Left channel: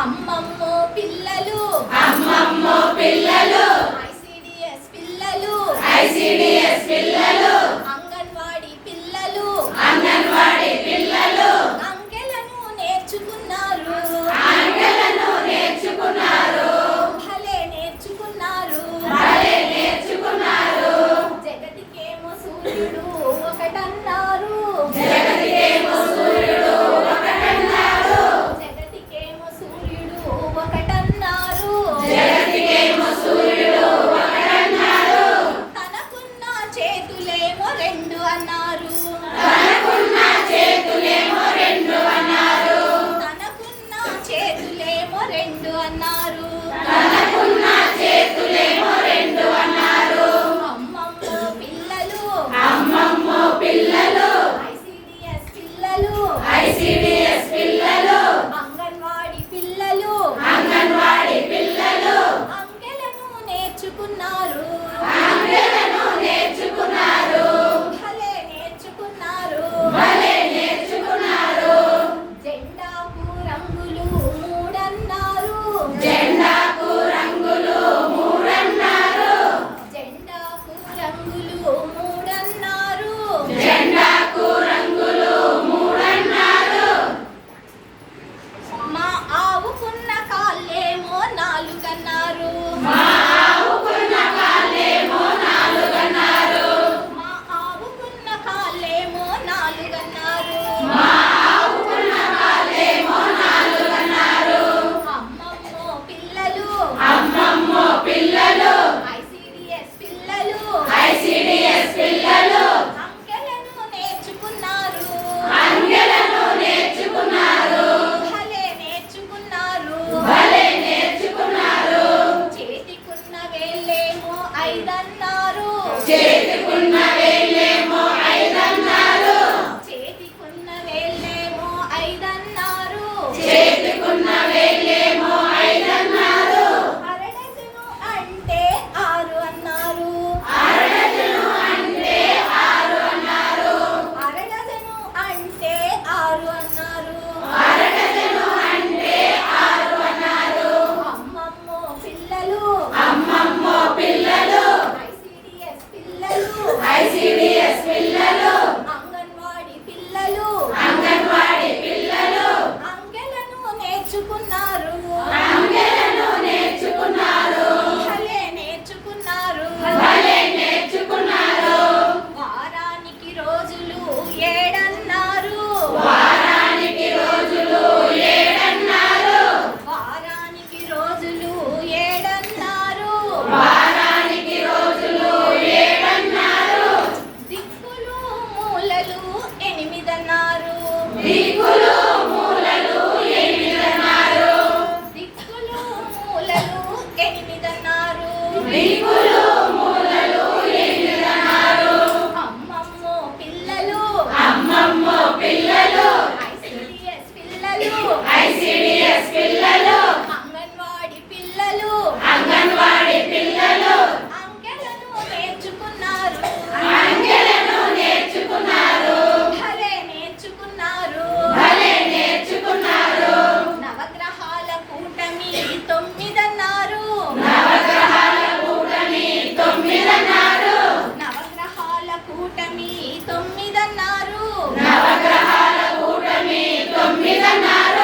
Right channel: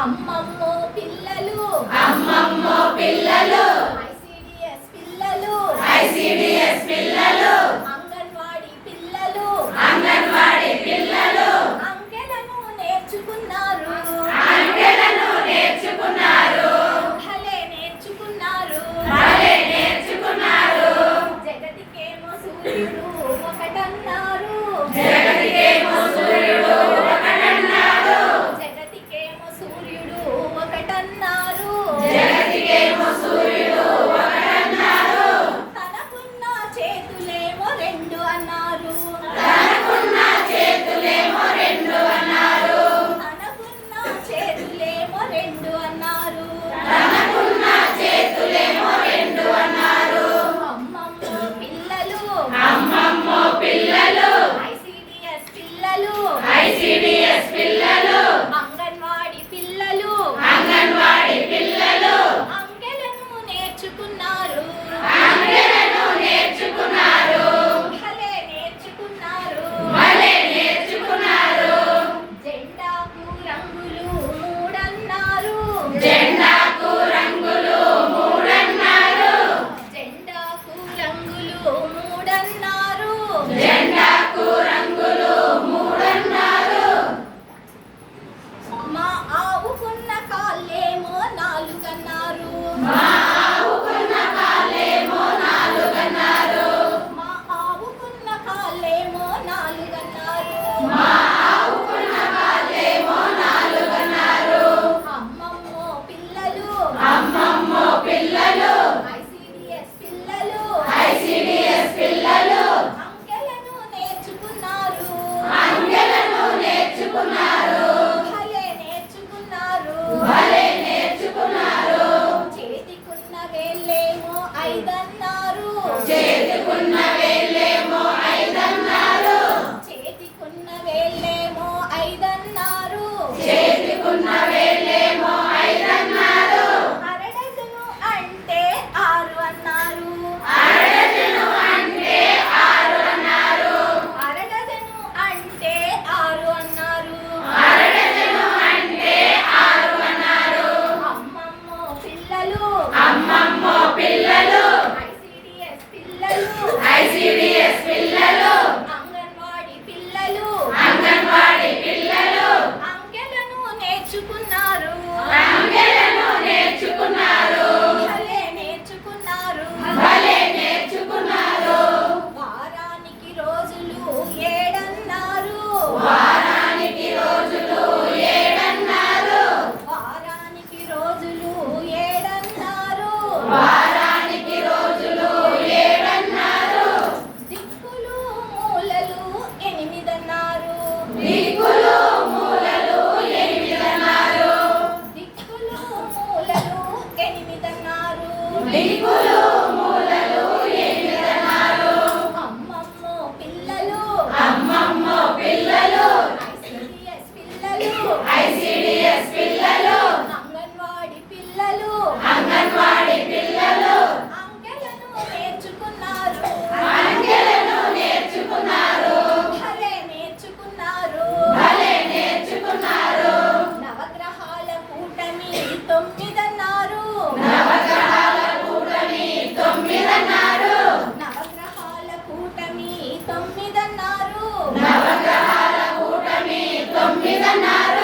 అమ్మమ్మో పిల్లలు. అమ్మమ్మో పిల్లలు. ఐసిడిఎస్ పిల్లలు. ఐసిడిఎస్ పిల్లలు. ఎనిమిదన్నారు దిక్కులు మూలలు ఎనిమిదన్నారు దిక్కులు మూలలు ఎనిమిదన్నారు దిక్కులు కూటమి తొమ్మిదన్నారు. నవగ్రహాల కూటమి తొమ్మిదన్నారు.